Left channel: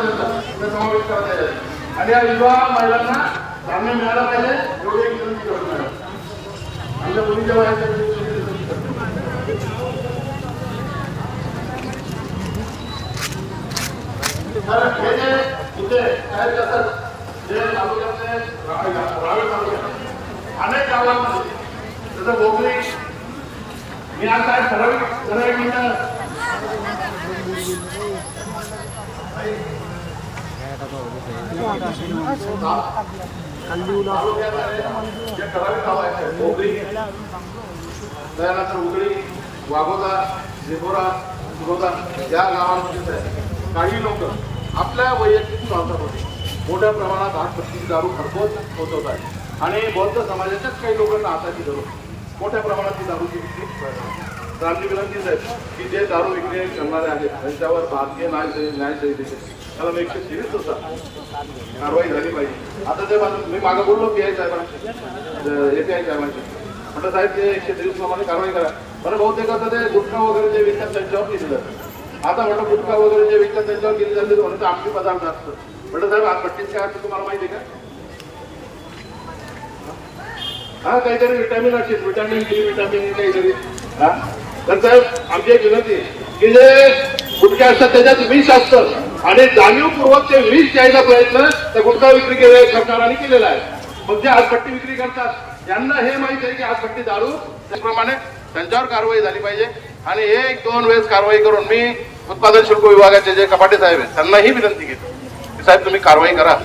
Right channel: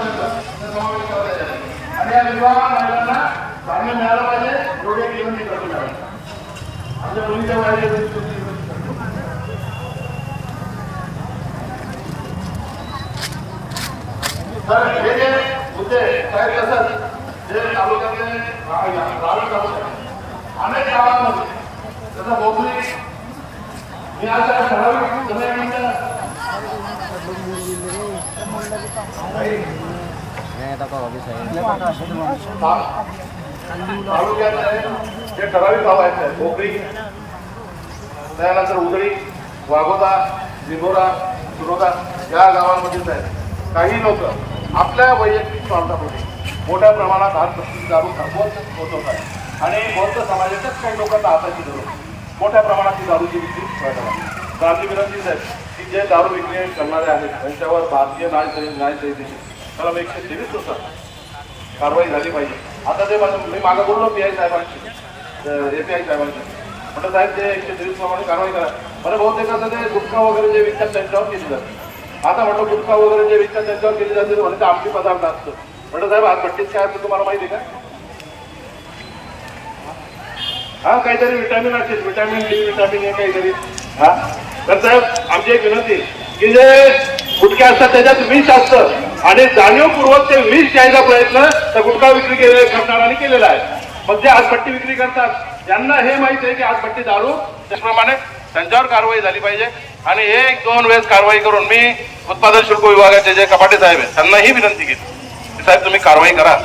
समावेश करता येईल. आणि या विधवा महिलांना धान्य मिळालं पाहिजे एवढी एक विनंती करतो मॅडम. आमच्या मुलीच्या वयाची तर हे जे मुद्दे साहेब कसं जे तालुक्यातले रा- तालुक्यात. अनेक गावांमध्ये जसं बोगली मी आज काय ठराविक ठराविक त्यानंतर उदळी वाघोदा लिबोरा सुरोदा या गावांमध्येच आहेत काही लोक आपल्या वैयक्तिक होते मोठ्या प्रमाणात हात पस्तीस दारू घरपोच होत आहेत आणि बौद्ध समाजाच्याच काही लोकांना हाताची धरून मोठ्या प्रमाणात ती दारूची विक्री व्हायला तर आमची विनंती आहे की जे दारू विक्री करणारे आहेत त्यांच्यावर भारतीय न्याय संहि- न्याय संहितेचे मला मग एकशे तेवीसनुसार कारवाई झाली पाहिजे. आता ते म्हणतात मी मागं बोललो पी आय साहेबांशी. ए पी आय साहेबांशी. म्हटलं साहेब ते एकशे तेवीस प्रमाणे कारवाई करा. बरं बहुतेक असं ते गुटखा वगैरे जे विकतात त्यांच्यावर केली जाते. आता म्हटलं गुटखा वगैरे जे विकतात त्यांच्यावर केली जाते म्हणे ते आमची पदार्थ असतं. म्हटलं साहेब आज भट्टीत काय असतं तुम्हाला माहिती आहे का? हा काहीतरी विटॅमिन असेल विटॅमिन डी विटॅमिन ए काहीतरी. हा. तर साहेब आमची एक विनंती की जे गुटखे असतात त्याच्यात विष असतं. आणि जाणीवपूर्वक ते विष द्यायचा प्रयत्न त्या गुटखा विक्री केले करणाऱ्यांनी केलेला आहे. मग जे आजपट्टी विक्री करतात त्यांना हे माहिती आहे की आजपट्टी दारू त्याचप्रमाणे त्यांच्यावर कारवाई झाली पाहिजे. आणि एक दोन वेळेस कारवाई करून मी उत्पादन शुल्क विभागाचे जे कपाटे साहेब आहेत त्यांनाही विनंती केली. की साहेब तुम्ही कारवाई करा.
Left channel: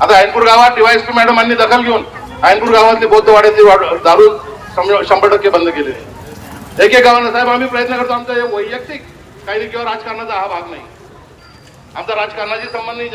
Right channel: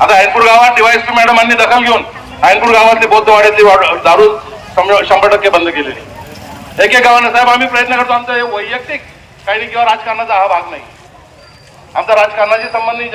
आता ऐनपूर गावात डिवाइस टू मॅडमांनी दखल घेऊन ऐनपूर गावातली बौद्धवाड्यातली दारू शंभर टक्के बंद केलेली. एक एक गावानं साहेब आम्ही प्रयत्न करतो आमचा हे वैयक्तिक काही नाही किंवा राजकारणाचा हा भाग नाही. आमचा राजकारणाशी संबंध नाही